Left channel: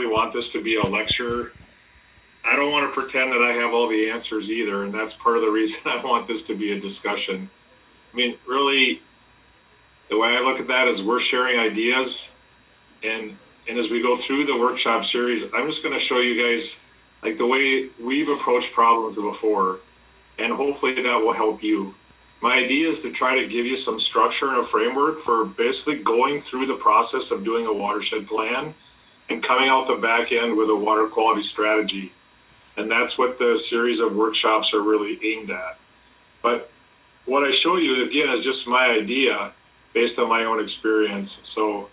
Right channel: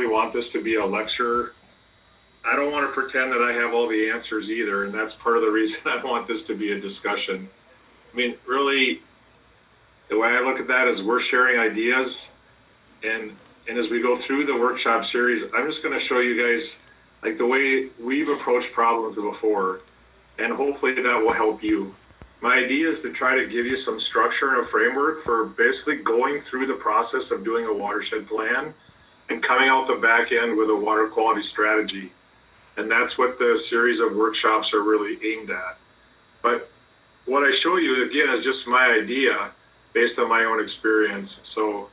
really want this to be a lecture. I don't want to pretend that I have all the answers either, and that's part of the reason I want this to be a discussion. I mean, really, the way I look at that is we're sharing ideas, and as we go through the workshop series, I'm just going to show you guys like the way we've approached problems before, and hopefully that will help you. My idea is to try to give you some structure and a framework for basically going through the process of doing a watershed plan and coming out the back end with a water quality strategy. And that's what the series of workshops are really aimed at. But what I show you, again, is just my idea based on my own experience. So,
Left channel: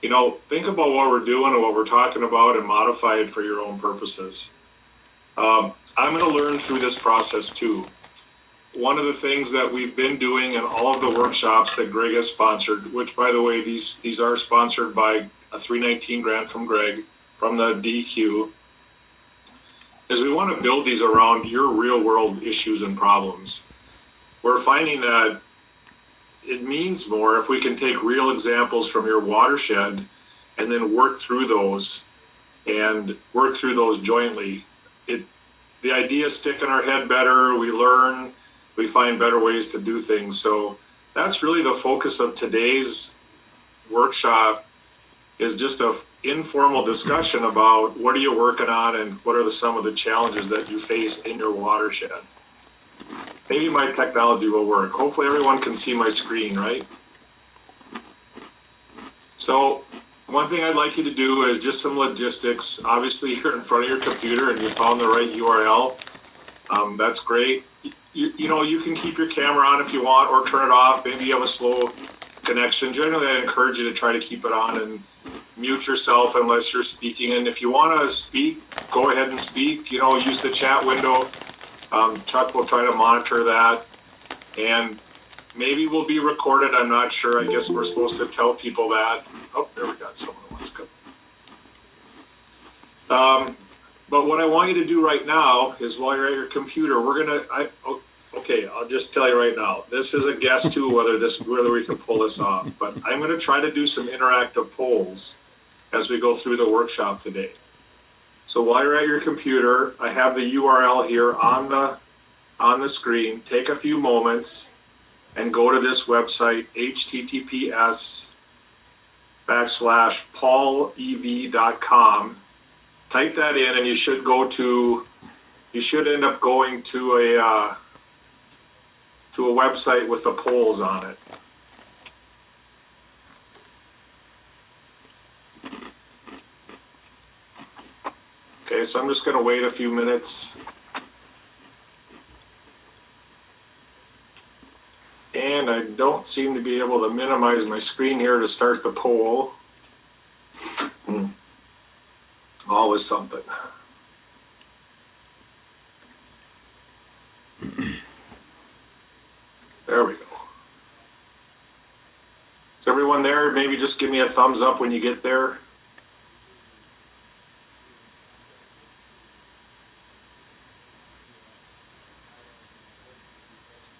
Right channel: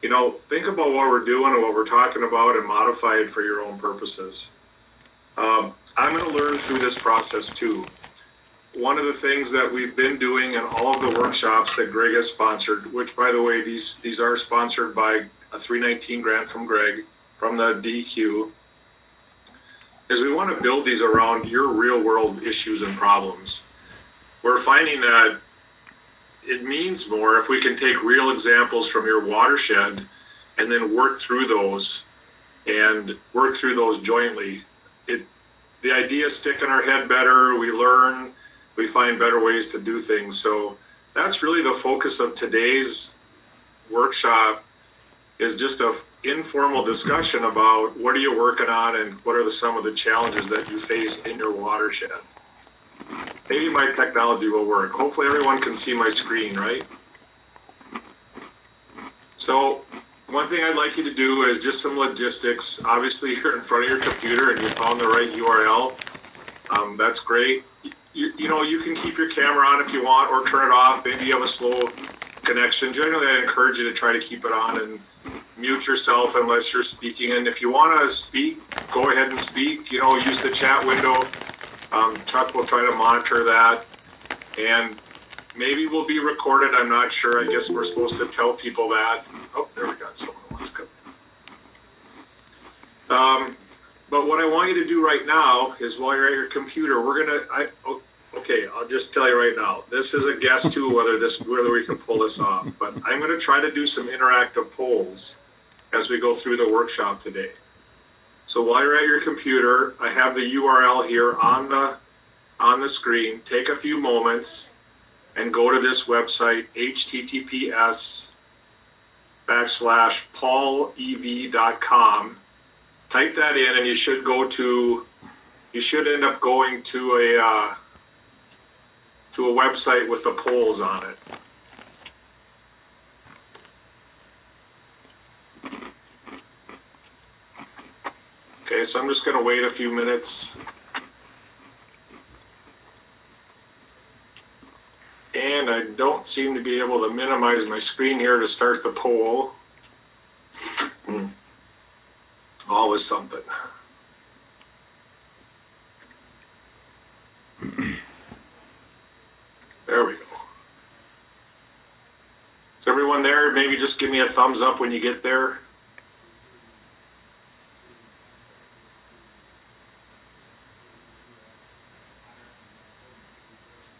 you know, think about what we're doing and what we're talking about and modify it for your own purposes. I'm going to learn through this process too. One of the things that we've been doing in all of the workshops that Greg has sponsored, which by the way, these are sponsored by a 319 grant from Greg from the DEQ, is we want to build these around your real world issues and problems. We're finding that it means more if we can take real examples from your watershed and then work through those jointly. The ideas stick in our head better, we learn, we find better ways to do things. So that's really the focus of today's workshop, is just an informal discussion about what are you working on and what are some of the challenges that you face in your watershed. Maybe my technology will work. Hopefully everyone can see my screen, right? So one thing I'd like you to do is just some logistics. Obviously you're in front of your computer and you found the right URL. That's great. You know, you can keep your camera on if you want or turn it off. Maybe you have a slow connection. Generally, I encourage you to try to keep it on and mute yourself unless you're speaking. And if you want to speak, go ahead and speak. You know, use the chat window. Chuck will try to monitor that. And maybe we'll be recorded. I'm not sure. I guess we're supposed to tell people that. Oh, there we got someone who wants to come. But what I want you to do right now is while you're at your computer, okay, I'll just tell you right now, this is a guess too, whether we can pull this off, but I'm going to try to do some interactive polls as we go through the workshop today. So while you're at your computer, I have the URL here on the screen. Take a few moments and go to this website, https://paulev.com. Type that in and you should end up going to a website with the polls on it. Okay, so I'm just going to wait a few minutes. And I don't seem to be able to minimize my screen here to start the poll. Always something. There we go. Is everyone there? Maybe just give me a thumbs up when you get there.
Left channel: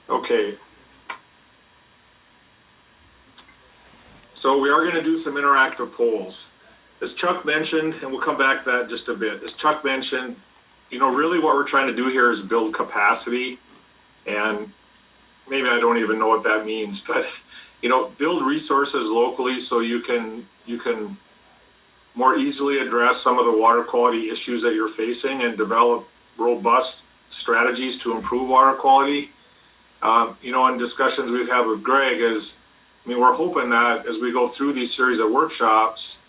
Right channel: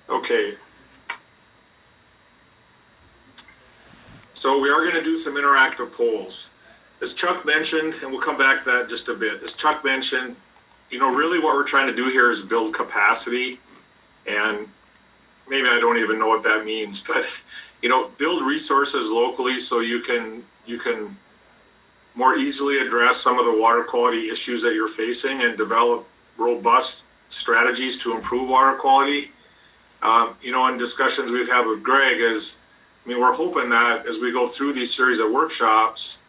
Okay. So we are going to do some interactive polls. As Chuck mentioned, and we'll come back to that in just a bit, as Chuck mentioned, you know, really what we're trying to do here is build capacity, and maybe I don't even know what that means, but, you know, build resources locally so you can more easily address some of the water quality issues that you're facing and develop robust strategies to improve water quality. You know, in discussions we've had with Greg we're hoping that as we go through these series of workshops,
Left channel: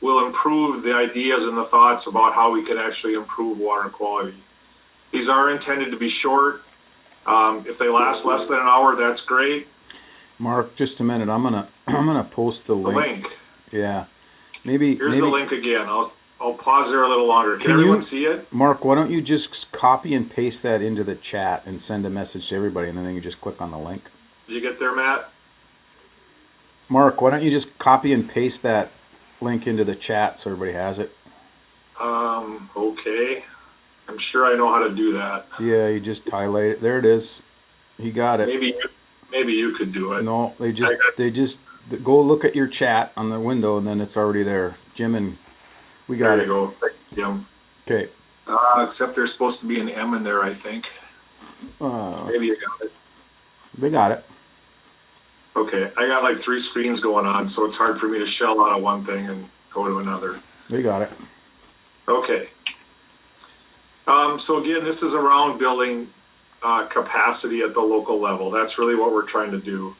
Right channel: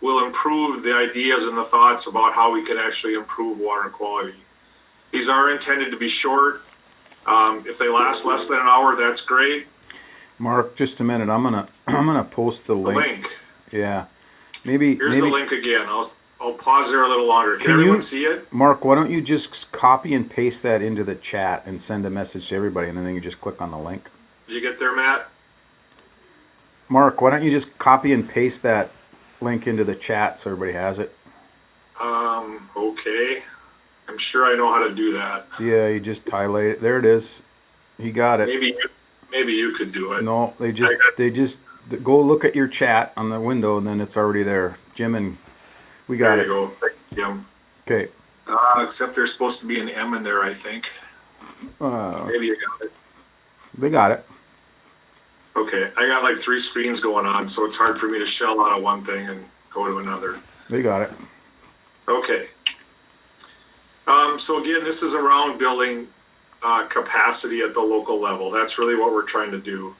we'll improve the ideas and the thoughts about how we can actually improve water quality. These are intended to be short. If they last less than an hour, that's great. Mark, just a minute. I'm gonna post the link. Yeah, Here's the link again. I'll pause there a little longer. Can everyone see it? Mark, why don't you just copy and paste that into the chat and send a message to everybody, and then you just click on the link. Did you get there, Matt? Mark, why don't you just copy and paste that link into the chat so everybody has it? Okay. I'm sure I know how to do that. Yeah, you just highlight it. There it is. You got it. Maybe you could do it. No, they just go look at your chat on the window, and then it's already there. Jim and We got There it. you go. Thanks, Jim. Okay. Except there's supposed to be an M in there, I think. Maybe you got it. They got it. Okay, I got like 3 screens going on, so it's hard for me to shell out of one thing and go to another. They got it. Okay. So again, this is around building capacity at the local level. That's really what we're trying to do.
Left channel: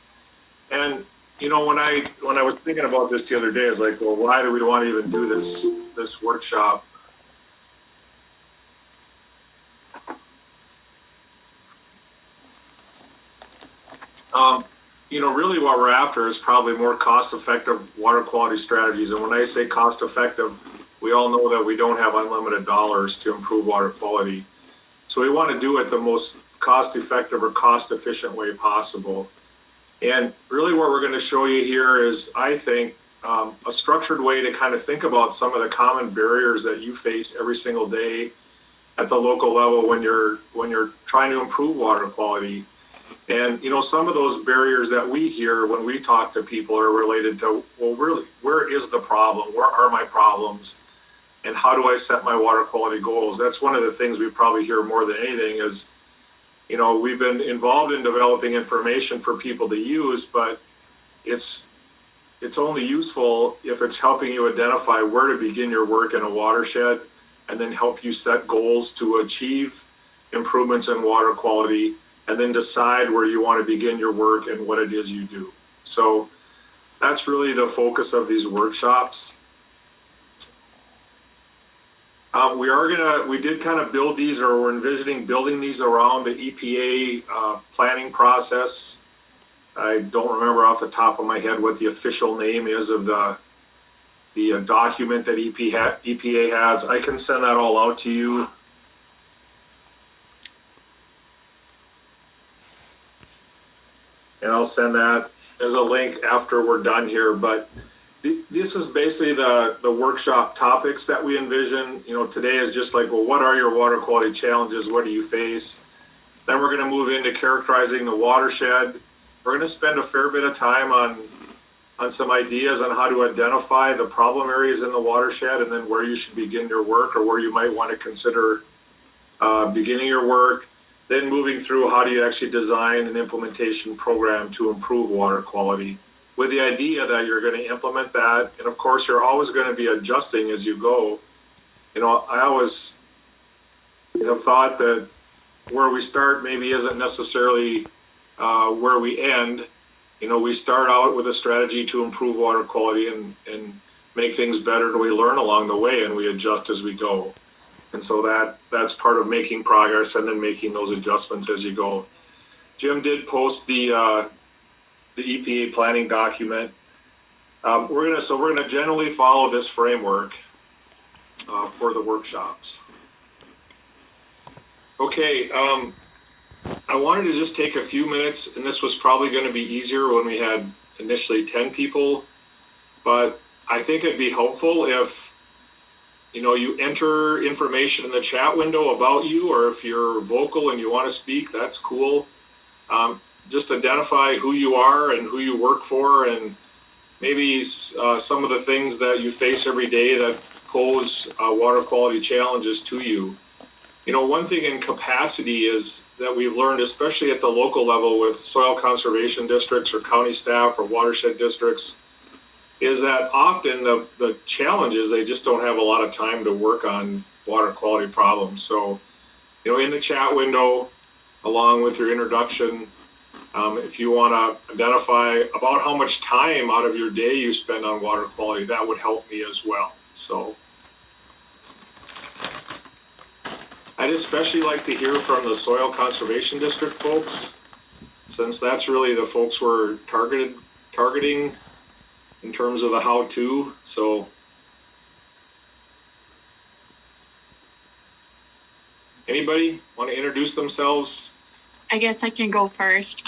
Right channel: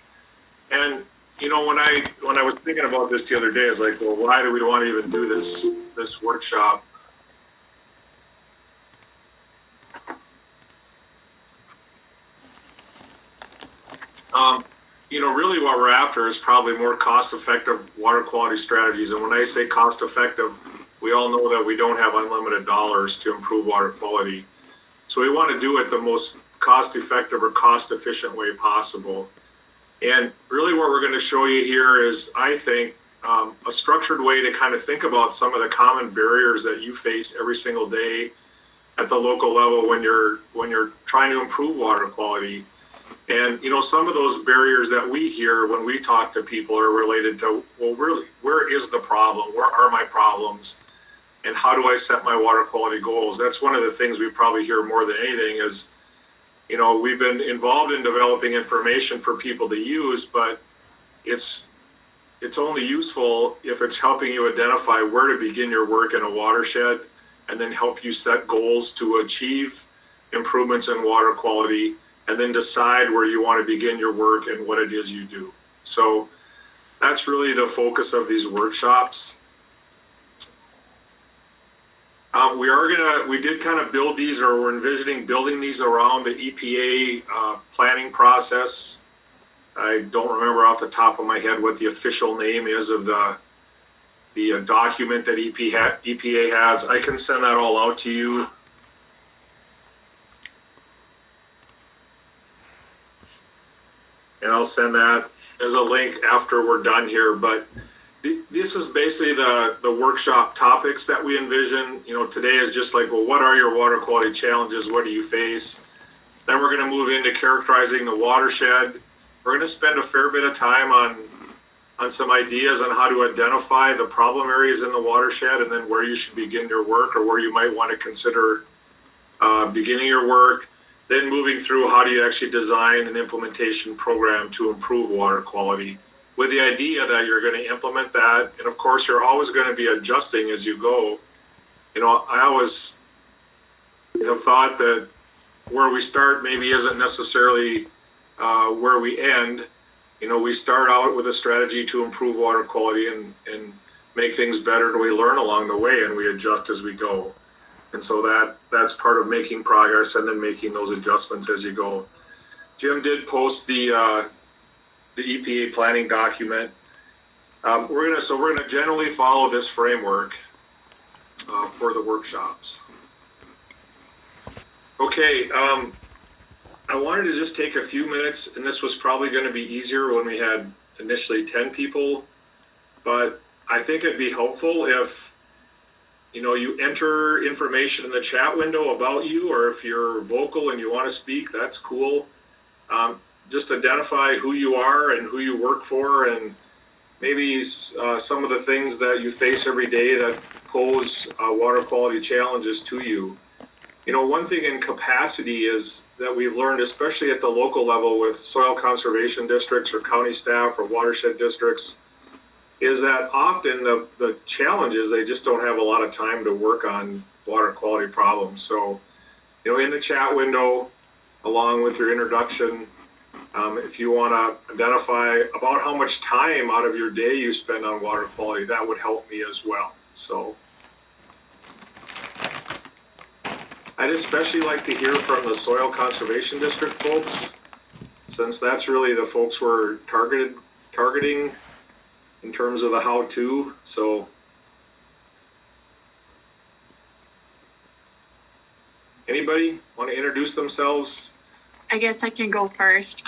And you know, when I was thinking about this the other day, I was like, well, why do we want to even do this workshop? You know, really what we're after is probably more cost-effective water quality strategies. And when I say cost-effective, we all know that we don't have unlimited dollars to improve water quality. So we want to do it the most cost-effective or cost-efficient way possible. And really what we're going to show you here is, I think, a structured way to kind of think about some of the common barriers that you face every single day at the local level when you're trying to improve water quality. And, you know, some of those barriers that we hear when we talk to people are related to, well, really, where is the problem? Where are my problems? And how do I set my water quality goals? That's one of the things we probably hear more than anything is, you know, we've been involved in developing information for people to use, but it's only useful if it's helping you identify where to begin your work in a watershed and then help you set goals to achieve improvements in water quality and then decide where you want to begin your work and what it is you do. So that's really the focus of these workshops. We did kind of build these, or we're envisioning building these around the EPA planning process. I don't remember off the top of my head what the official name is of the document that EPA has. I can send that all out to you. And I'll send that as a link after we're done here. But this is basically the workshop topics that we envision. You know, today is just like, well, what are your water quality challenges? What do you face? Then we're going to move into characterizing the watershed. We're going to spend a fair bit of time on some ideas on how to identify the problem areas in the watershed and then where you should begin your work or where you might want to consider beginning your work. Then moving through how do you actually design an implementation program to improve water quality with the idea that you're going to implement that. And of course, you're always going to be adjusting as you go. You know, I always have thought that where we start maybe isn't necessarily where we end. You know, we start out with a strategy to improve water quality and make things better, and we learn along the way and we adjust as we go. And so that's part of making progress and then making those adjustments as you go. Jim did post the EPA planning document. We're gonna generally follow this framework for the workshops. Okay, I wanted to just take a few minutes, and this was probably going to be easier when we had initially 10 people, but I think it'd be helpful if you know, you enter information in the chat window about you, or if you're vocal and you want to speak, that's cool. Just identify who you are and who you work for, and maybe some of the things that you face every day that pose water quality challenges to you. You know, one thing in capacity is that we've learned, especially at the local level with soil conservation districts or county staff or watershed districts, is that often the challenge is they just don't have a lot of time to work on water quality problems. So, you know, in the chat window, along with your introduction, if you want to identify about how much time out of your day you spend on water quality, that would help me as well. So I'd especially like to hear from the Soil Conservation District folks, since that's really the folks we're targeting in terms of the how-to. So anybody want to introduce themselves? I guess I can go first.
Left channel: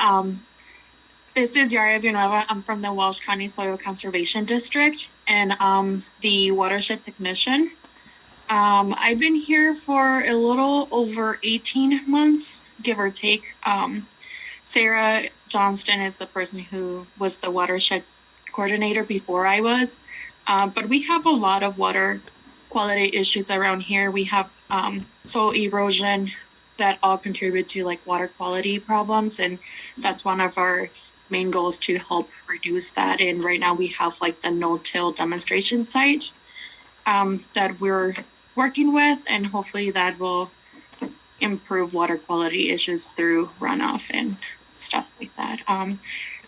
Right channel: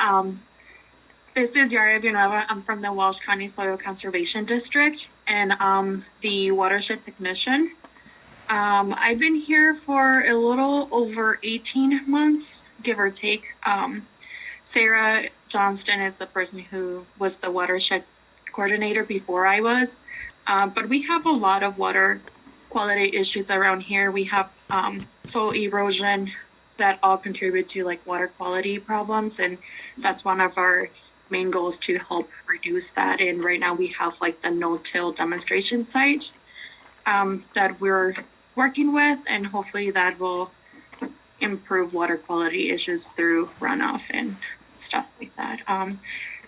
This is Yara Villanueva. I'm from the Welsh County Soil Conservation District, and I'm the watershed technician. I've been here for a little over 18 months, give or take. Sarah Johnston is the person who was the watershed coordinator before I was. But we have a lot of water quality issues around here. We have soil erosion that all contribute to like water quality problems, and that's one of our main goals to help reduce that. And right now we have like the no-till demonstration site that we're working with, and hopefully that will improve water quality issues through runoff and stuff like that.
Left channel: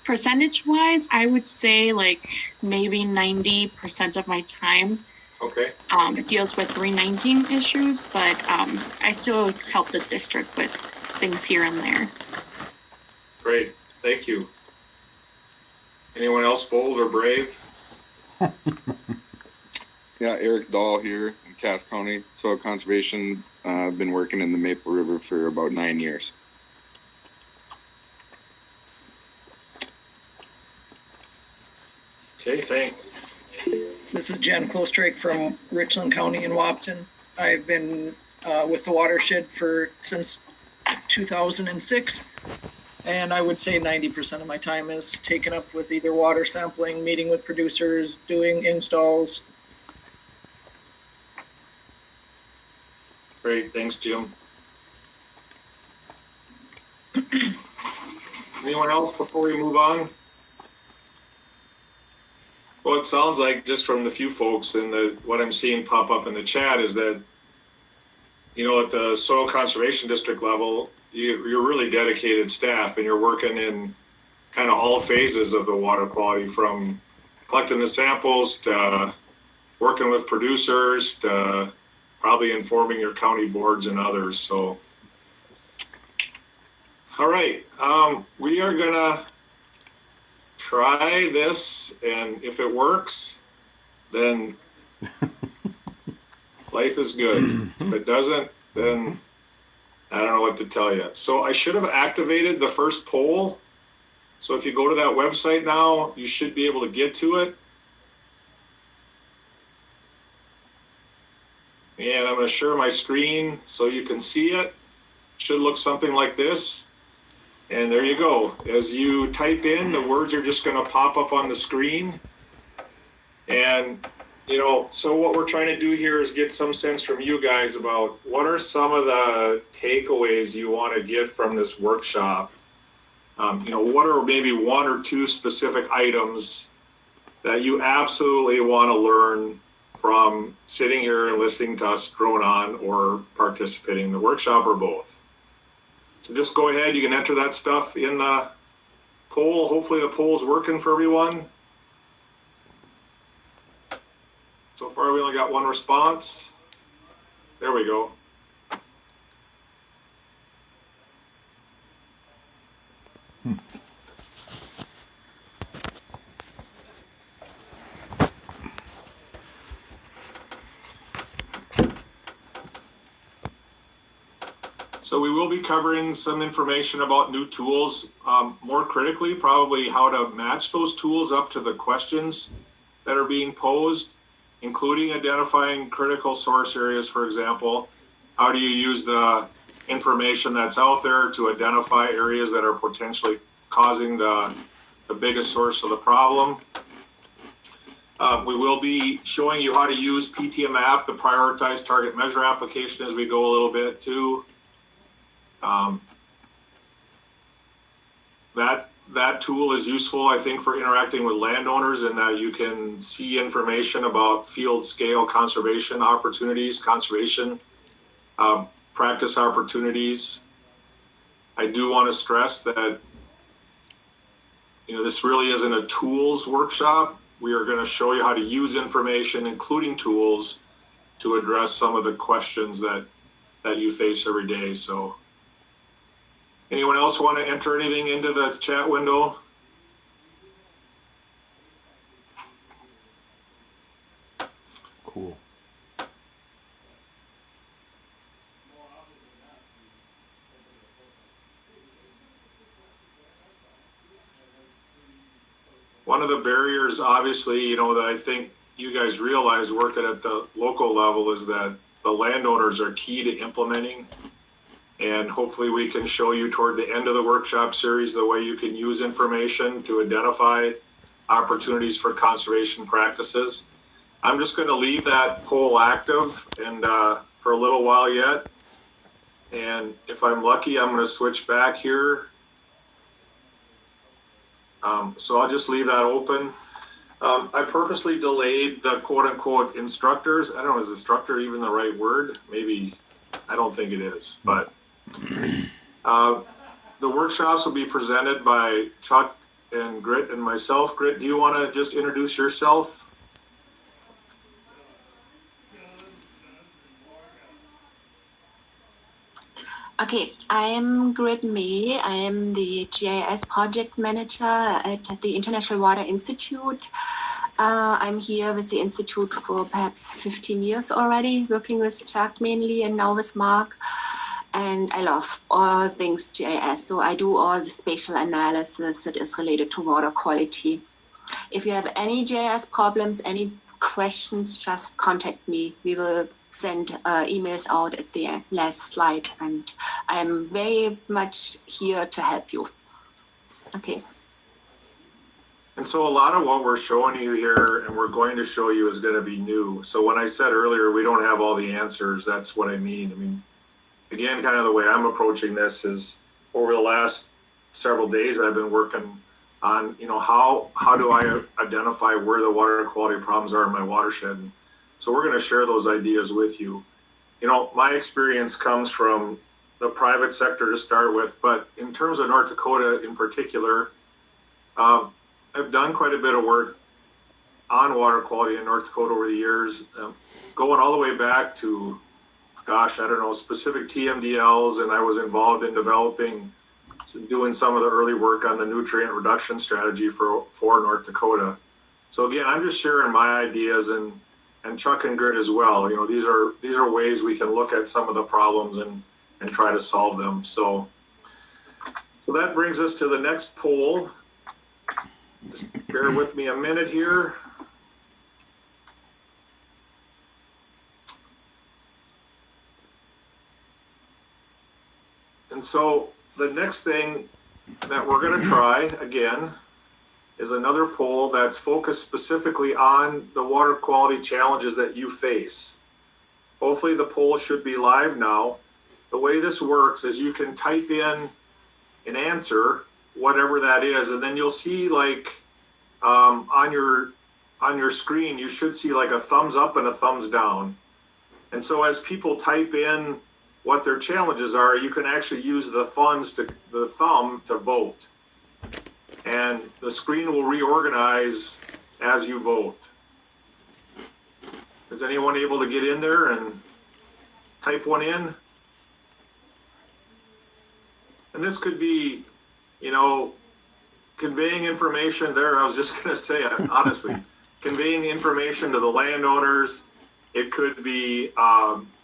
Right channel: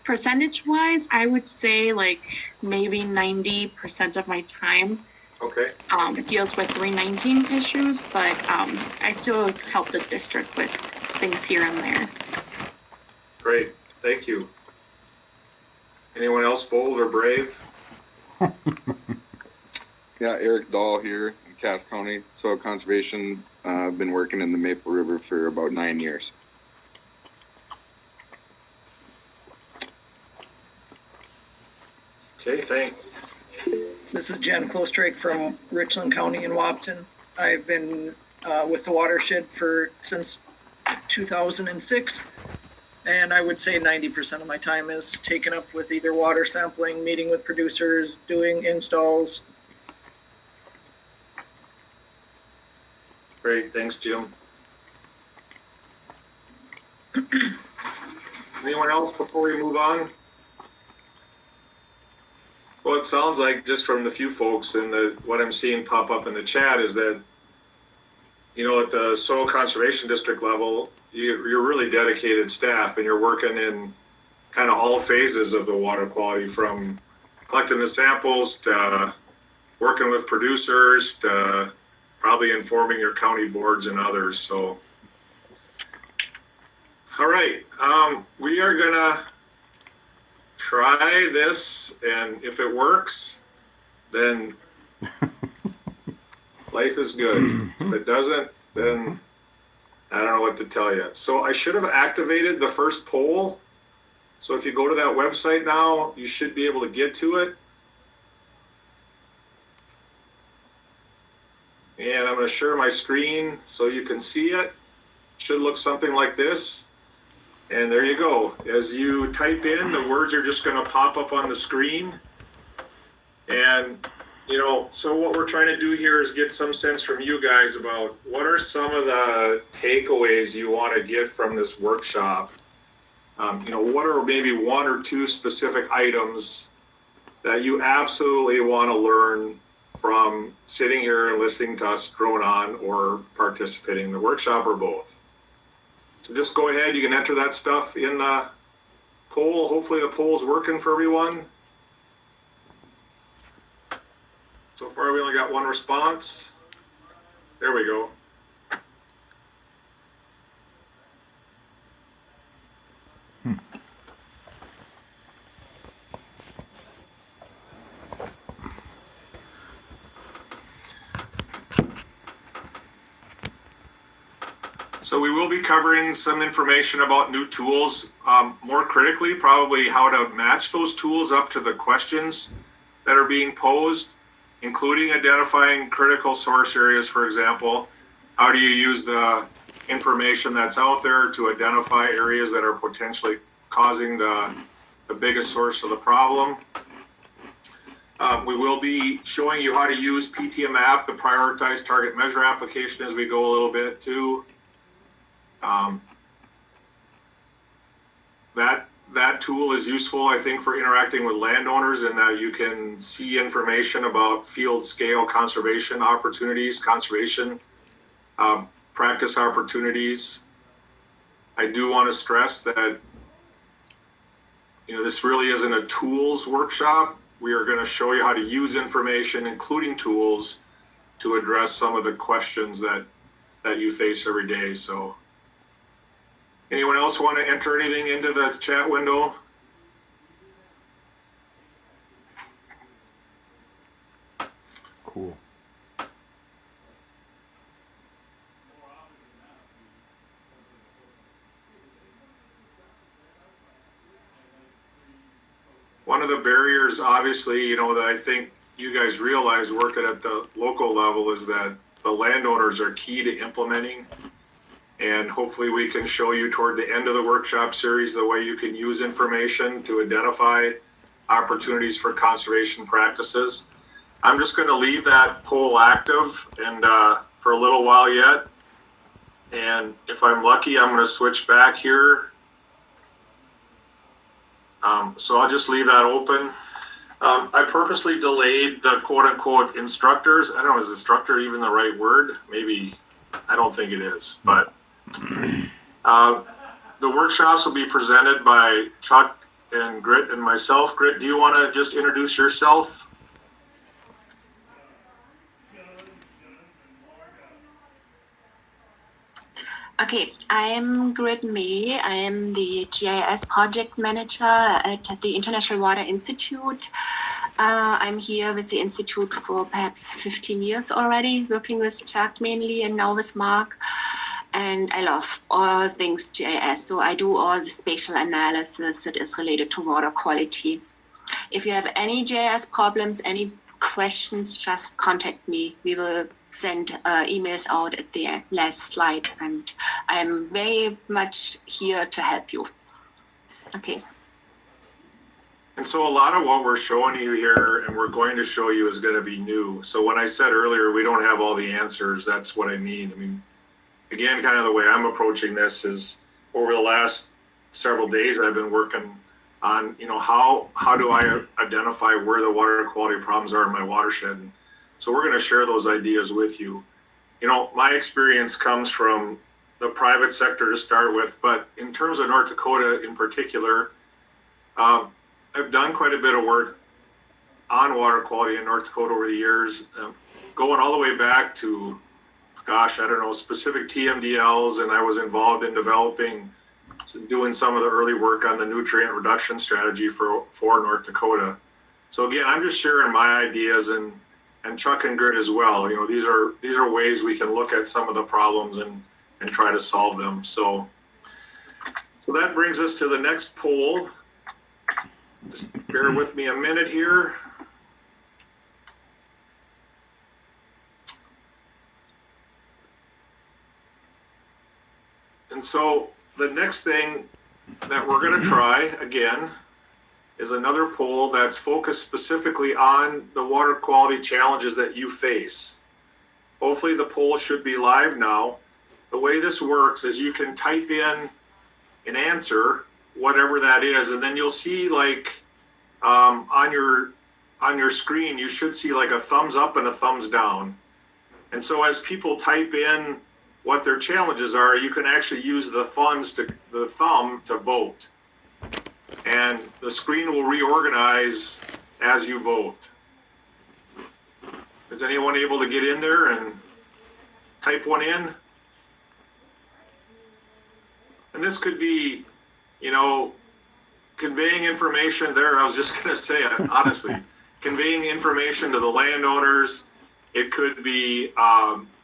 Percentage wise, I would say like maybe 90% of my time Okay, deals with 319 issues, but I still help the district with things here and there. great, thank you. Anyone else bold or brave? Yeah, Eric Dahl here in Cass County, soil conservation. I've been working in the Maple River for about 9 years. Okay, thanks. This is Jen Klostrake from Richland County in Wapton. I've been with the Watershed since 2006, and I would say 90% of my time is taken up with either water sampling, meeting with producers, doing installs. Great, thanks, Jim. Anyone else before we move on? Well, it sounds like just from the few folks and what I'm seeing pop up in the chat is that, you know, at the soil conservation district level, you're really dedicated staff, and you're working in kind of all phases of the water quality, from collecting the samples to working with producers to probably informing your county boards and others. So, all right, we are gonna try this, and if it works, then life is good. If it doesn't, then I don't know what to tell you. So I should have activated the first poll. So if you go to that website now, you should be able to get to it. And I'm going to share my screen so you can see it. It should look something like this. And there you go. As you type in, the words are just going to pop up on the screen. And, you know, so what we're trying to do here is get some sense from you guys about what are some of the takeaways you want to get from this workshop. You know, what are maybe one or two specific items that you absolutely want to learn from sitting here and listening to us drone on or participating in the workshop, or both? So just go ahead, you can enter that stuff in the poll. Hopefully the poll's working for everyone. So far we only got one response. There we go. So we will be covering some information about new tools, more critically, probably how to match those tools up to the questions that are being posed, including identifying critical source areas, for example. How do you use the information that's out there to identify areas that are potentially causing the biggest source of the problem? We will be showing you how to use PTM app, the prioritized target measure application, as we go a little bit too. That tool is useful, I think, for interacting with landowners, in that you can see information about field scale conservation opportunities, conservation practice opportunities. I do want to stress that, you know, this really isn't a tools workshop. We are going to show you how to use information, including tools, to address some of the questions that you face every day. So anyone else want to enter anything into the chat window? Cool. One of the barriers, obviously, you know, that I think you guys realize working at the local level is that the landowners are key to implementing. And hopefully we can show you toward the end of the workshop series the way you can use information to identify opportunities for conservation practices. I'm just going to leave that poll active and for a little while yet. And if I'm lucky, I'm going to switch back here. So I'll just leave that open. I purposely delayed the quote unquote instructors. I don't know, is instructor even the right word? Maybe, I don't think it is. But the workshops will be presented by Chuck and Grit and myself. Grit, do you want to just introduce yourself? Okay, I am Grit May. I am the GIS project manager at the International Water Institute. I'm here with the Institute for perhaps 15 years already, working with Chuck mainly and now with Mark. And I love all things GIS. So I do all the spatial analysis that is related to water quality. If you have any GIS problems, any questions, just contact me. We will send emails out at the last slide, and I'm very much here to help you. Okay. And so a lot of what we're showing you here and we're going to show you is going to be new. So when I said earlier, we don't have all the answers, that's what I mean. I mean, again, kind of the way I'm approaching this is over the last several days, I've been working on, you know, how do I identify where the water quality problems are in my watershed? So we're going to share those ideas with you. You know, my experience comes from the private sector to start with, but in terms of North Dakota in particular, I've done quite a bit of work on water quality in North Dakota over the years, going all the way back to, gosh, I don't know, specific TMDLs, and I was involved in doing some of the early work on the nutrient reduction strategy for North Dakota. So again, I'm just sharing my ideas and Chuck and Grit as well. You know, these are ways we can look at some of the problems and try to solve them. So that brings us to the next poll. Just bear with me a minute here. And so the next thing that we're going to try again is another poll that's focused specifically on the water quality challenges that you face. Hopefully the poll should be live now. The way this works is you can type in an answer, whatever that is, and then you'll see like on your screen, you should see like a thumbs up and a thumbs down. And so as people type in what their challenges are, you can actually use the thumb to vote. And the screen will reorganize as you vote. Is anyone able to get in there and type one in? And this could be, you know, conveying information there. I was just going to say, honestly, conveying information to the landowners. It could be,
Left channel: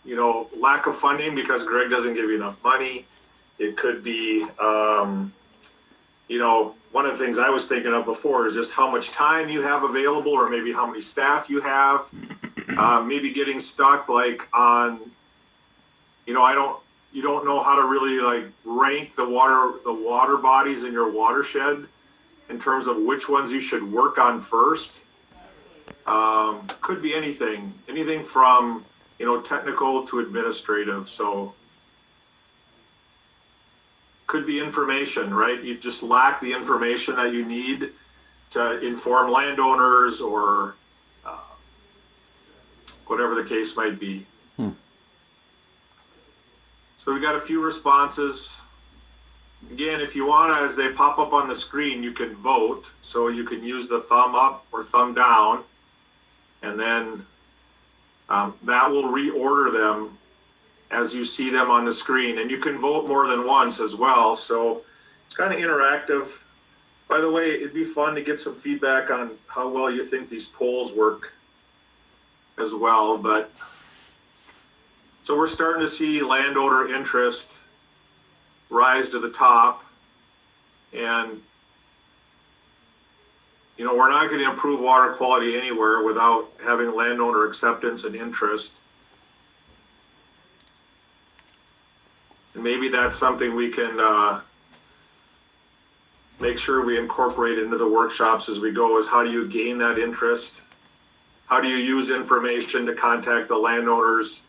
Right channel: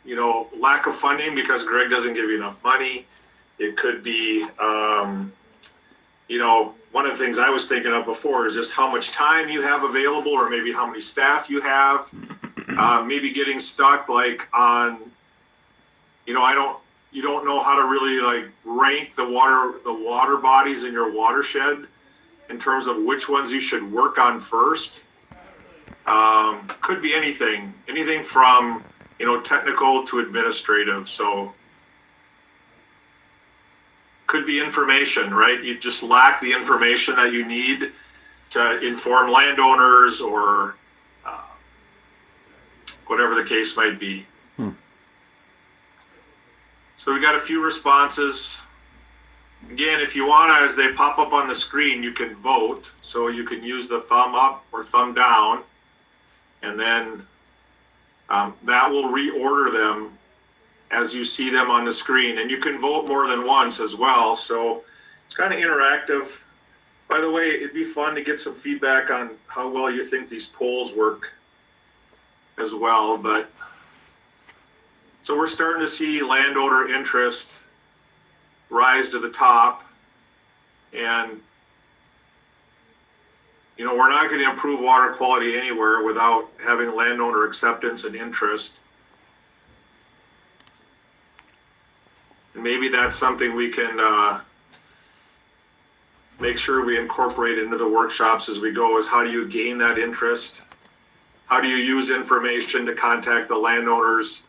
you know, lack of funding because Greg doesn't give you enough money. It could be, you know, one of the things I was thinking of before is just how much time you have available, or maybe how many staff you have. Maybe getting stuck like on, you know, you don't know how to really like rank the water bodies in your watershed in terms of which ones you should work on first. Could be anything from, you know, technical to administrative. So could be information, right? You just lack the information that you need to inform landowners or whatever the case might be. So we got a few responses. Again, if you want to, as they pop up on the screen, you can vote. So you can use the thumb up or thumb down, and then that will reorder them as you see them on the screen. And you can vote more than once as well. So it's kind of interactive. By the way, it'd be fun to get some feedback on how well you think these polls work as well. But so we're starting to see landowner interest rise to the top. And, you know, we're not going to improve water quality anywhere without having landowner acceptance and interest. Maybe that's something we can make sure we incorporate into the workshops as we go, is how do you gain that interest? how do you use information to contact the landowners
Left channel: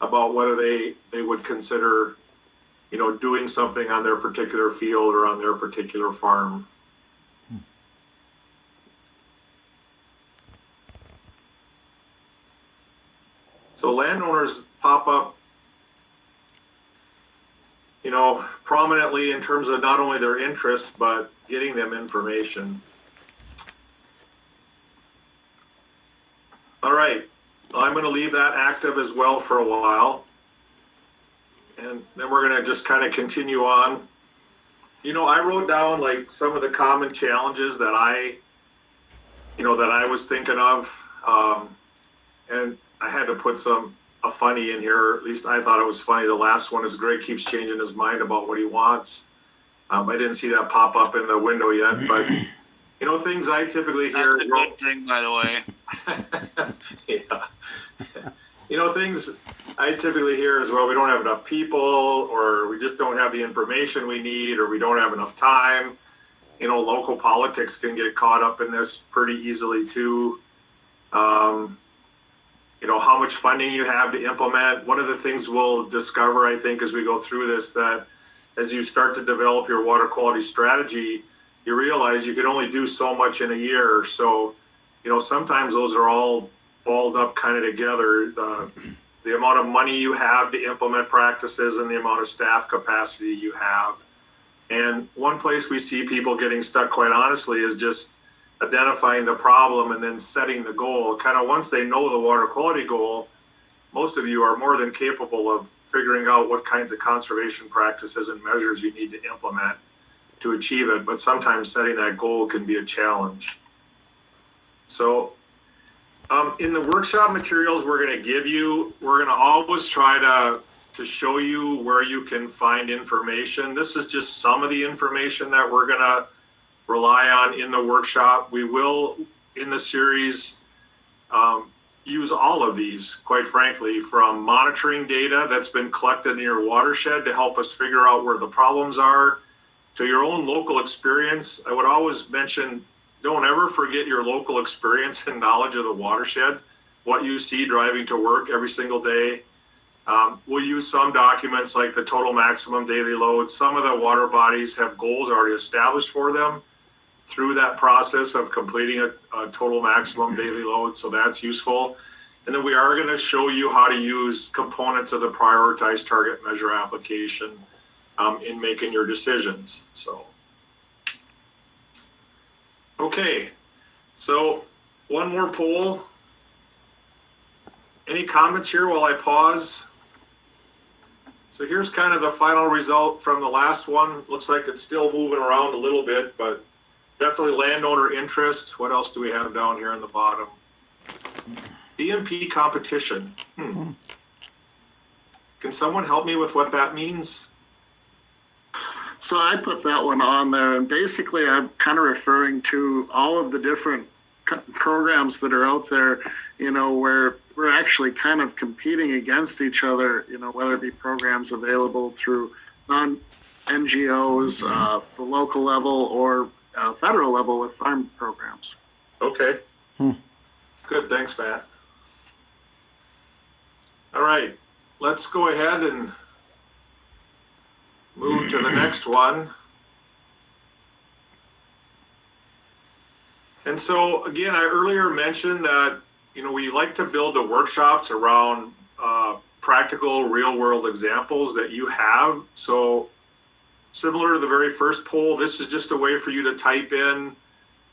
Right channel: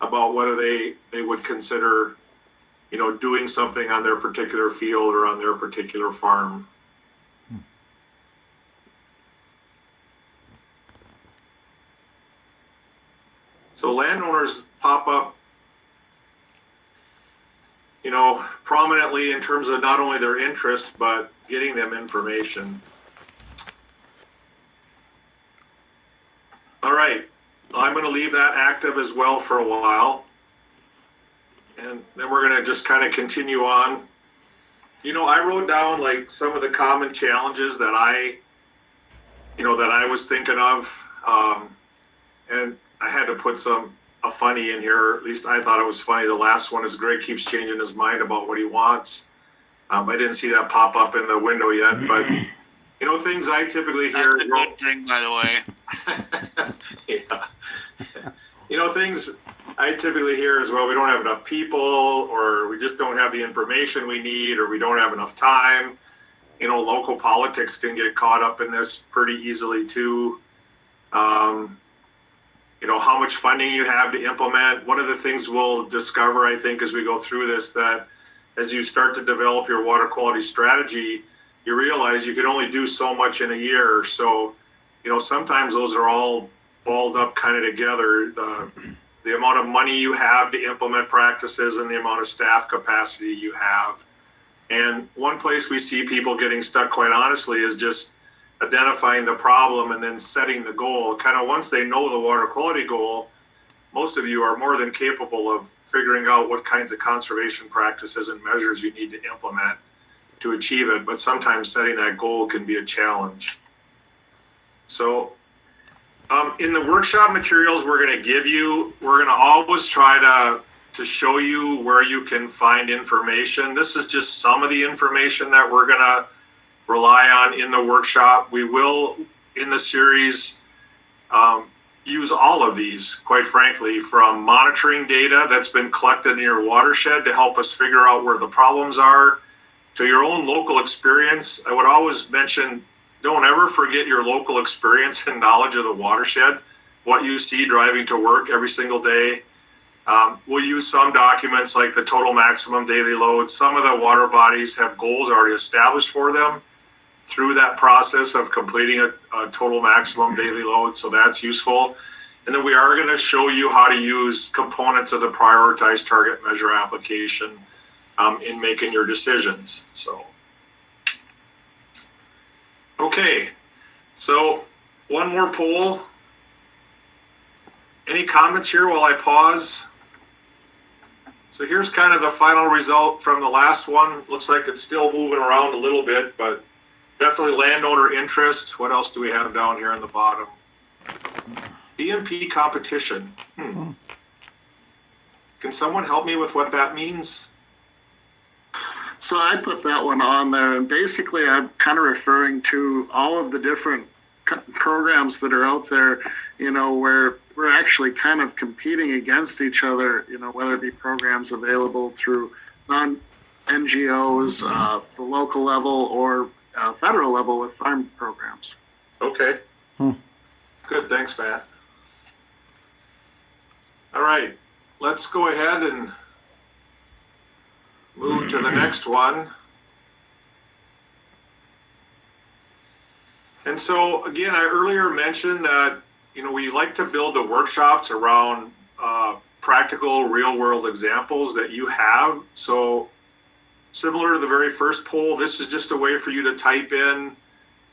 about whether they would consider, doing something on their particular field or on their particular farm. So landowners pop up, prominently in terms of not only their interest, but getting them information. All right, I'm going to leave that active as well for a while. And then we're going to just kind of continue on. I wrote down like some of the common challenges that I was thinking of. And I had to put a funny in here, or at least I thought it was funny. The last one is Greg keeps changing his mind about what he wants. I didn't see that pop up in the window yet, but things I typically hear. That's a good thing, by the way. Yeah. Things I typically hear is, well, we don't have enough people, or we just don't have the information we need, or we don't have enough time. Local politics can get caught up in this pretty easily too. How much funding you have to implement. One of the things we'll discover, I think, as we go through this, that as you start to develop your water quality strategy, you realize you can only do so much in a year. So, sometimes those are all balled up kind of together. The amount of money you have to implement practices and the amount of staff capacity you have. And one place we see people getting stuck, quite honestly, is just identifying the problem and then setting the goal. Kind of once they know the water quality goal, most of you are more than capable of figuring out what kinds of conservation practices and measures you need to implement to achieve it. But sometimes setting that goal can be a challenge. So in the workshop materials we're going to give you, we're going to always try to show you where you can find information. This is just some of the information that we're going to rely on in the workshop. We will, in the series, use all of these, quite frankly, from monitoring data that's been collected in your watershed to help us figure out where the problems are, to your own local experience. I would always mention, don't ever forget your local experience and knowledge of the watershed, what you see driving to work every single day. We'll use some documents like the total maximum daily load. Some of the water bodies have goals already established for them through that process of completing a total maximum daily load. So that's useful. And then we are going to show you how to use components of the prioritized target measure application in making your decisions. So, okay. So one more poll. Any comments here while I pause? So here's kind of the final result from the last one. Looks like it's still moving around a little bit, but definitely landowner interest. What else do we have down here on the bottom? EMP competition. Can someone help me with what that means? So I put that one on there, and basically I'm kind of referring to all of the different programs that are out there, where we're actually kind of competing against each other, whether it be programs available through non-NGOs, the local level, or federal level with farm programs. Okay. Good, thanks, Matt. All right, let's go ahead and move to the next one. And so again, I earlier mentioned that, we like to build the workshops around practical real world examples that you have. So similar to the very first poll, this is just a way for you to type in,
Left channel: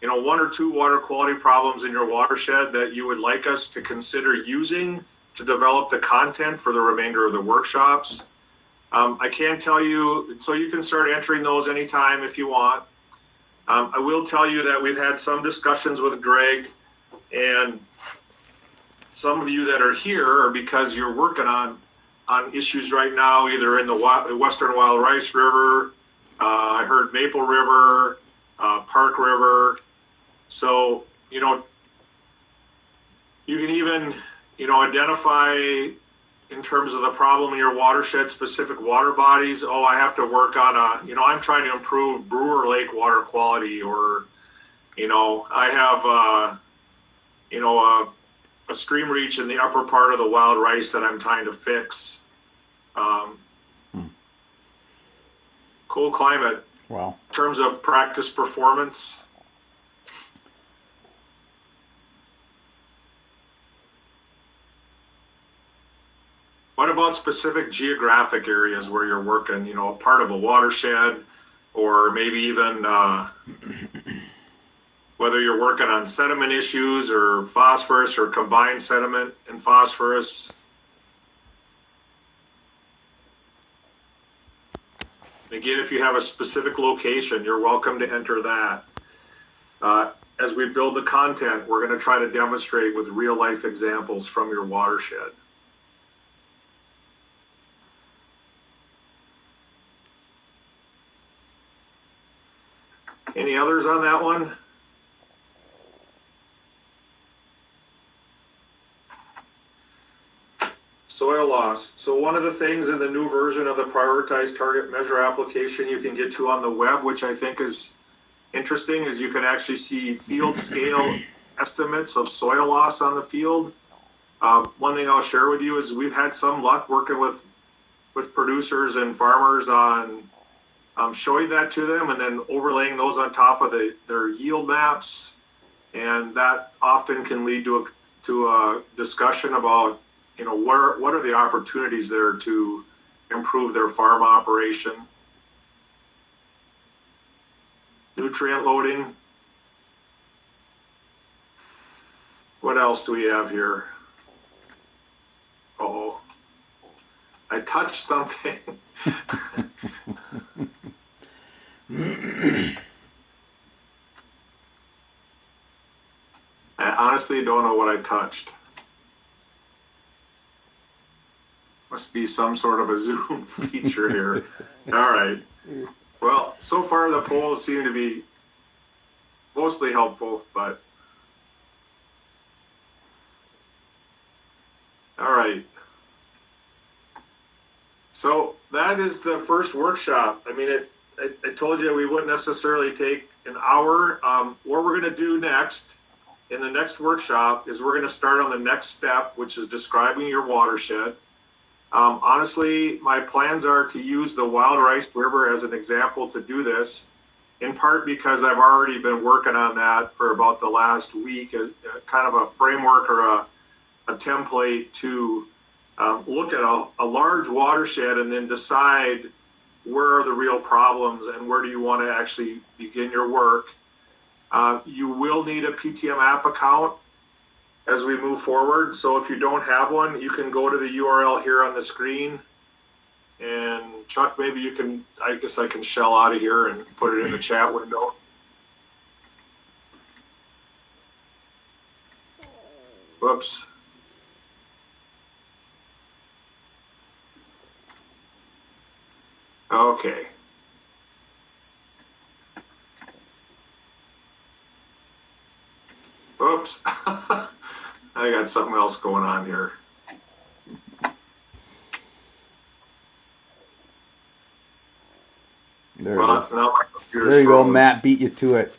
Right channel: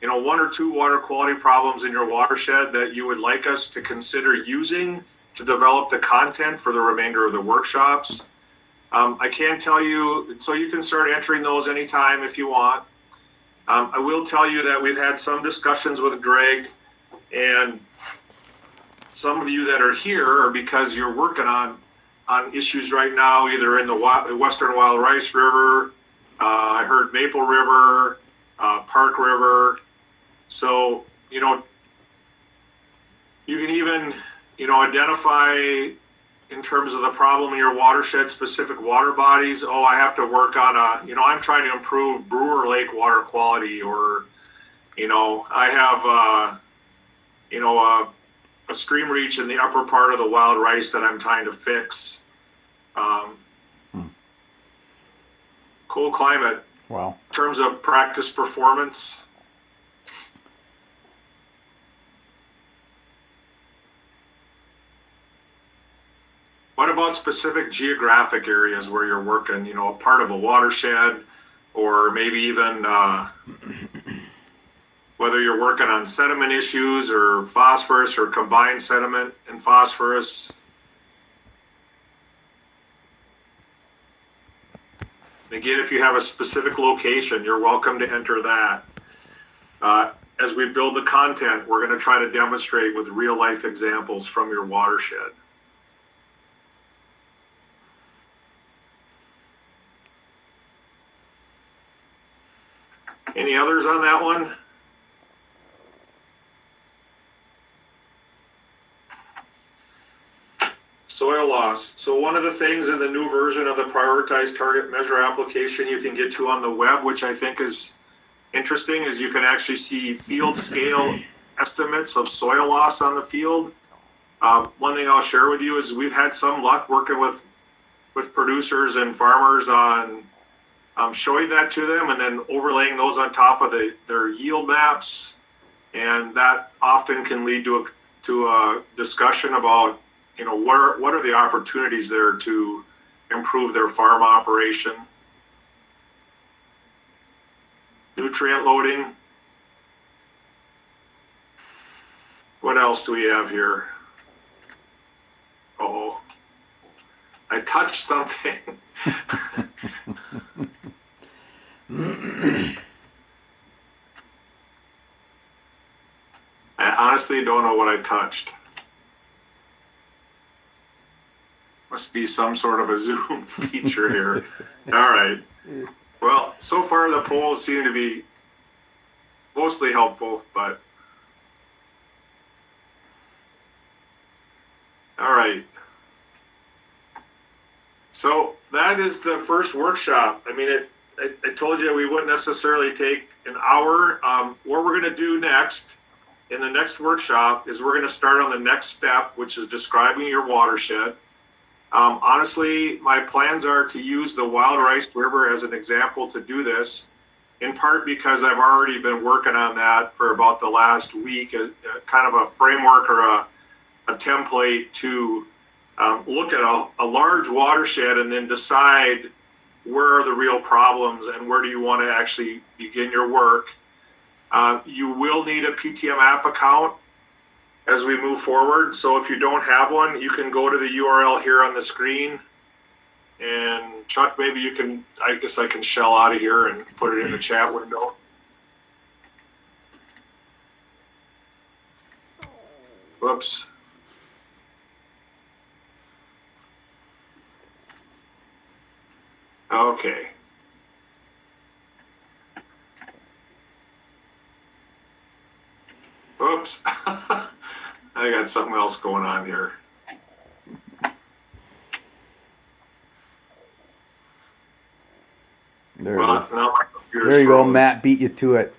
one or two water quality problems in your watershed that you would like us to consider using to develop the content for the remainder of the workshops. I can tell you, so you can start entering those anytime if you want. I will tell you that we've had some discussions with Greg, and some of you that are here are because you're working on issues right now, either in the Western Wild Rice River, I heard Maple River, Park River. So, you can even, identify in terms of the problem in your watershed, specific water bodies. Oh, I have to work on I'm trying to improve Brewer Lake water quality, or, I have, a stream reach in the upper part of the wild rice that I'm trying to fix. Cool climate. Wow. In terms of practice performance, what about specific geographic areas where you're working, you know, a part of a watershed, or maybe even whether you're working on sediment issues or phosphorus or combined sediment and phosphorus? Again, if you have a specific location, you're welcome to enter that. As we build the content, we're going to try to demonstrate with real life examples from your watershed. Any others on that one? Soil loss. So one of the things in the new version of the prioritized target measure application you can get to on the web, which I think is interesting, is you can actually see field scale estimates of soil loss on the field. One thing I'll share with you is we've had some luck working with producers and farmers on showing that to them and then overlaying those on top of their yield maps. And that often can lead to a discussion about, you know, what are the opportunities there to improve their farm operation. Nutrient loading. What else do we have here? Uh-oh. I touched something. I honestly don't know what I touched. Must be some sort of a Zoom feature here. All right. Well, so far the polls seem to be mostly helpful, but all right. So that is the first workshop. I mean, I told you we wouldn't necessarily take an hour. What we're going to do next in the next workshop is we're going to start on the next step, which is describing your watershed. Honestly, my plans are to use the Wild Rice River as an example to do this, in part because I've already been working on that for about the last week, kind of a framework or a template to look at a large watershed and then decide where are the real problems and where do you want to actually begin your work. You will need a PTM app account as we move forward. So if you don't have one, you can go to the URL here on the screen. And Chuck, maybe you can, I guess I can shell out of here and put it in the chat window. Whoops. Okay. Oops. I got something else going on here. There it is. Now my computer's There you go. froze. Matt beat you to it.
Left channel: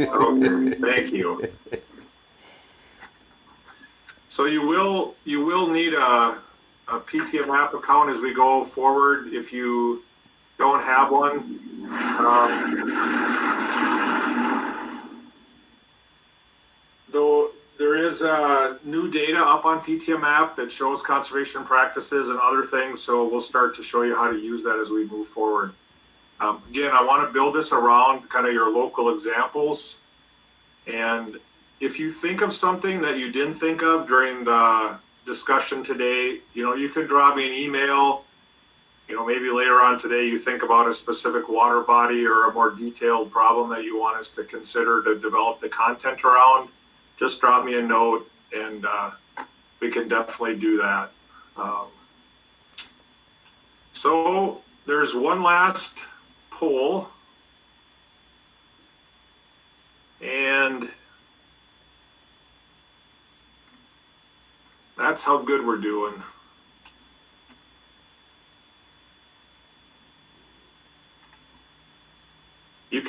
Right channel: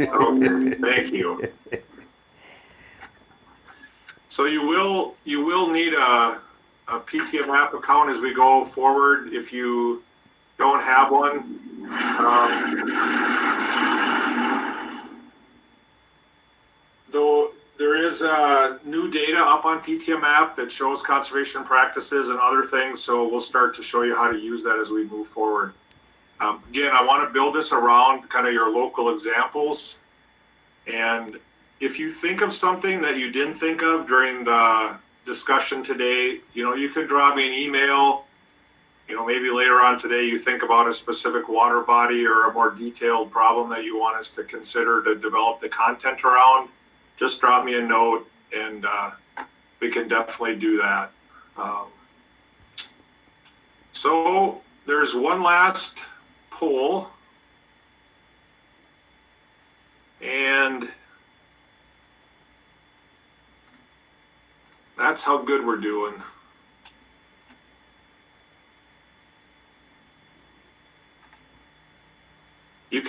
Oh, thank you. So you will need a PTM app account as we go forward if you don't have one. Though there is new data up on PTM app that shows conservation practices and other things, so we'll start to show you how to use that as we move forward. Again, I want to build this around kind of your local examples. And if you think of something that you didn't think of during the discussion today, you know, you can drop me an email. You know, maybe later on today you think about a specific water body or a more detailed problem that you want us to consider to develop the content around. Just drop me a note and we can definitely do that. So there's one last poll. And that's how good we're doing. You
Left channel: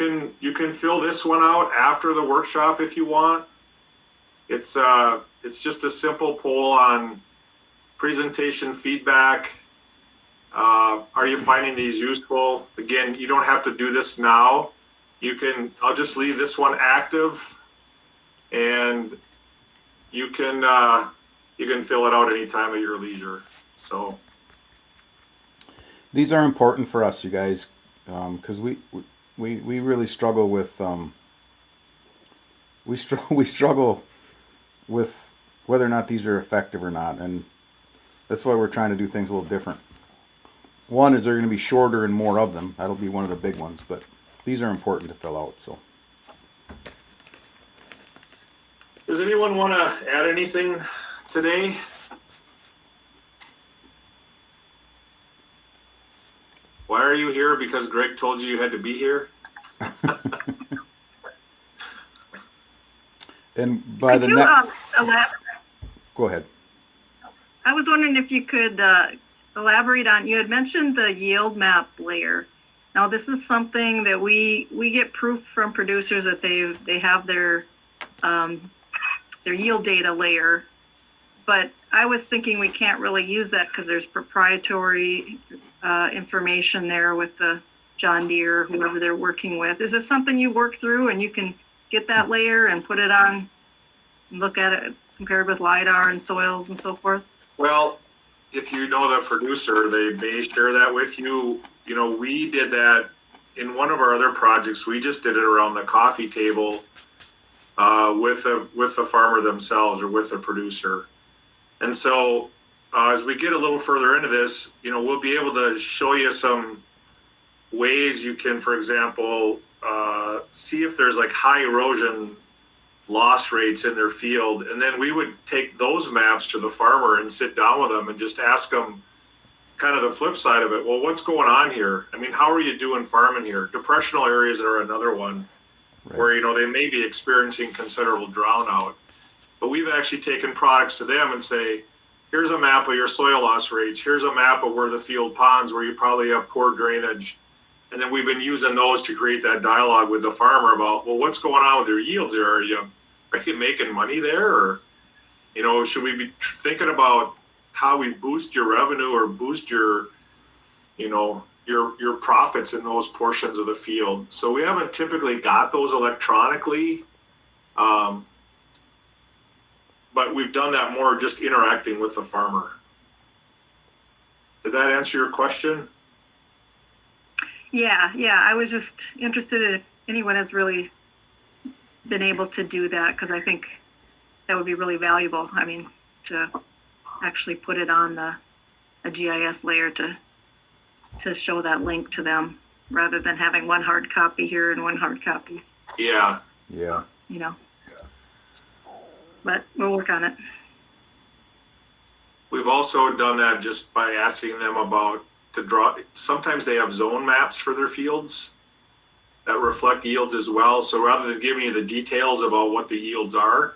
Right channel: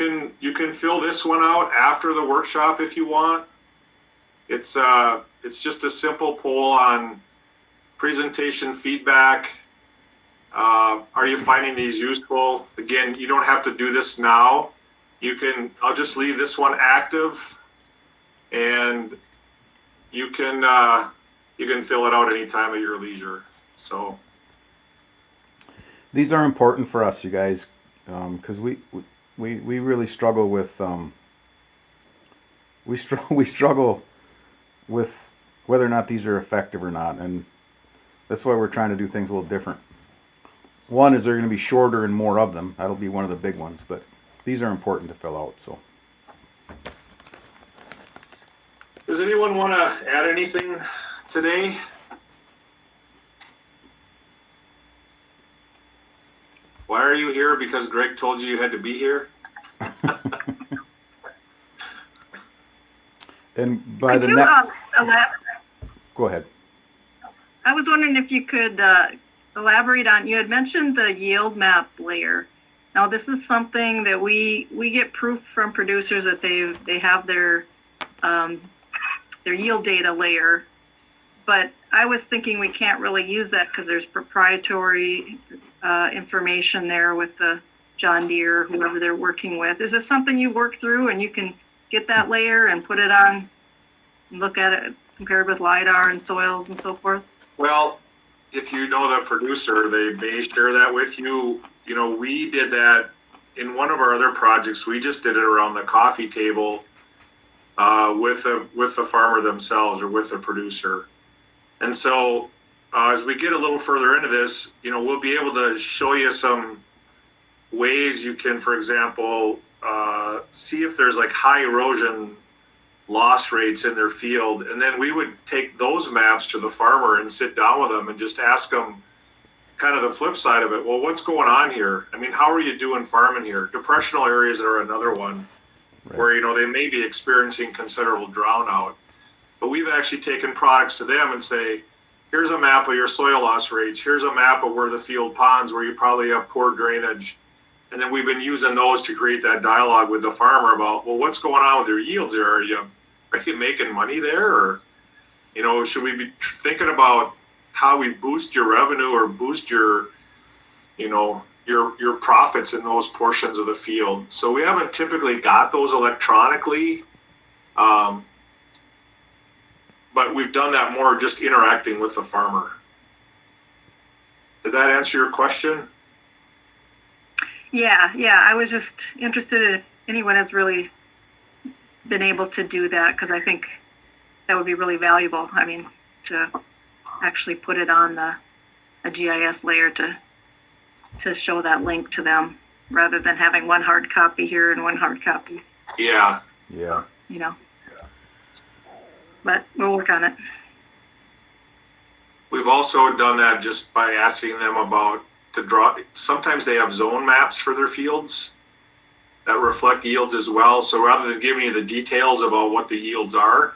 can fill this one out after the workshop if you want. It's just a simple poll on presentation feedback. Are you finding these useful? Again, you don't have to do this now. I'll just leave this one active, and you can fill it out anytime at your leisure. So These are important for us, you guys, because we really struggle with we struggle with whether or not these are effective or not, and that's why we're trying to do things a little different. One is they're going to be shorter and more of them. That'll be one of the big ones, but these are important to fill out. So, does anyone want to add anything today? Why are you here? Because Greg told you had to be here? and by Could the you, next, go ahead. I was wondering if you could elaborate on, you had mentioned the yield map layer. Now, this is something that we get proof from producers that they have their yield data layer, but I was thinking we can't really use that because there's proprietary information there with the John Deere, whoever they're working with. Is this something you work through and you can get that layer and put it on and look at it compared with LiDAR and soils and so forth? Well, if you know the producer, they may share that with you. You know, we did that in one of our other projects. We just did it around the coffee table with the farmer themselves or with the producer. And so as we get a little further into this, you know, we'll be able to show you some ways you can, for example, see if there's like high erosion loss rates in their field. And then we would take those maps to the farmer and sit down with them and just ask them kind of the flip side of it. Well, what's going on here? I mean, how are you doing farming here? Depressional areas are another one where, you know, they may be experiencing considerable drown out. But we've actually taken products to them and say, here's a map of your soil loss rates. Here's a map of where the field ponds, where you probably have poor drainage. And then we've been using those to create that dialogue with the farmer about, well, what's going on with your yields there? Are you making money there? Or, you know, should we be thinking about how we boost your revenue or boost your, you know, your profits in those portions of the field? So we haven't typically got those electronically, but we've done that more just interacting with the farmer. Did that answer your question? Yeah. I was just interested if anyone has really been able to do that, because I think that would be really valuable. I mean, to actually put it on a GIS layer to show that link to them, rather than having one hard copy here and one hard copy. Yeah. You know, but we'll work on it. We've also done that just by asking them about to draw. Sometimes they have zone maps for their fields that reflect yields as well. So rather than giving you the details about what the yields are,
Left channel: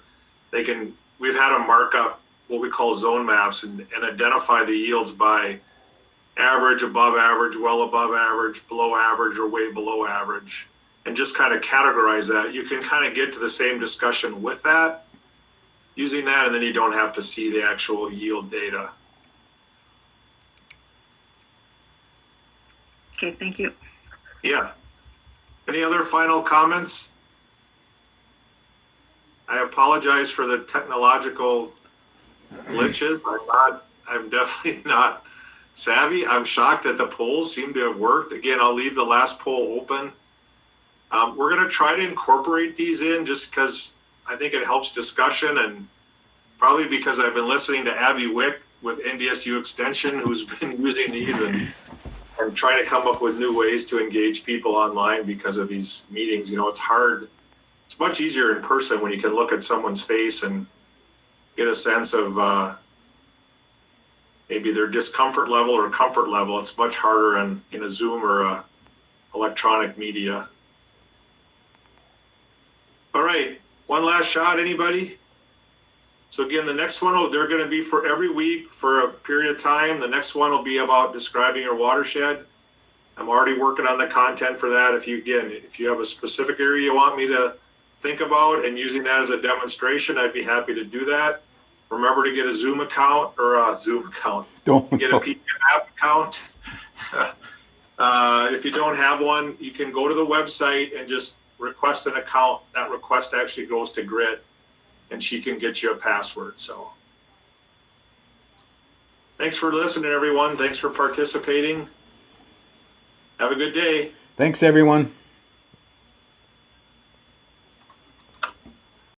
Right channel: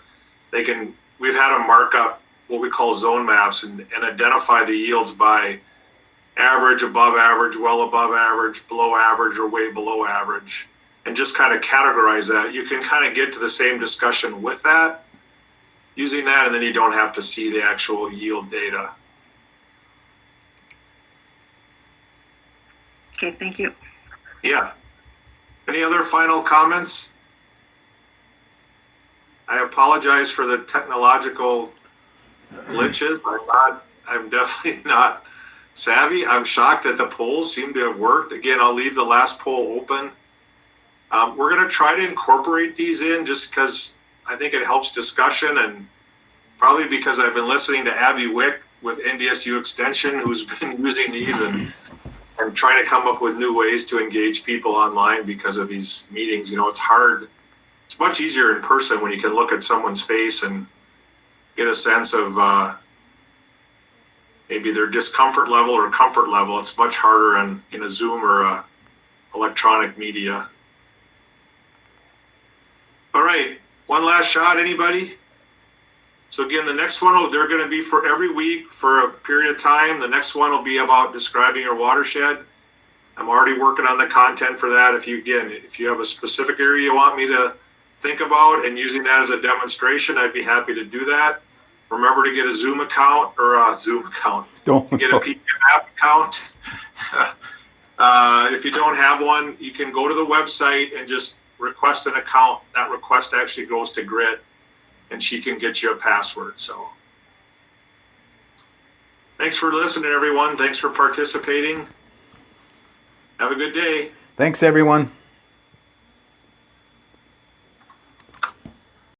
we've had them mark up what we call zone maps and identify the yields by average, above average, well above average, below average, or way below average, and just kind of categorize that. You can kind of get to the same discussion with that, using that, and then you don't have to see the actual yield data. Okay, thank you. Yeah. Any other final comments? I apologize for the technological glitches. I'm definitely not savvy. I'm shocked that the polls seem to have worked. Again, I'll leave the last poll open. We're going to try to incorporate these in just because I think it helps discussion, and probably because I've been listening to Abby Wick with NDSU Extension, who's been using these and trying to come up with new ways to engage people online because of these meetings. You know, it's hard. It's much easier in person when you can look at someone's face and get a sense of maybe their discomfort level or comfort level. It's much harder in a Zoom or a electronic media. All right, one last shot, anybody? So again, the next one, they're going to be for every week for a period of time. The next one will be about describing your watershed. I'm already working on the content for that. If you have a specific area you want me to think about and using that as a demonstration, I'd be happy to do that. Remember to get a Zoom account or a Zoom account. Don't Get a PDF app account. If you don't have one, you can go to the website and just request an account. That request actually goes to Grit, and she can get you a password. So thanks for listening, everyone. Thanks for participating. Have a good day. Thanks, everyone.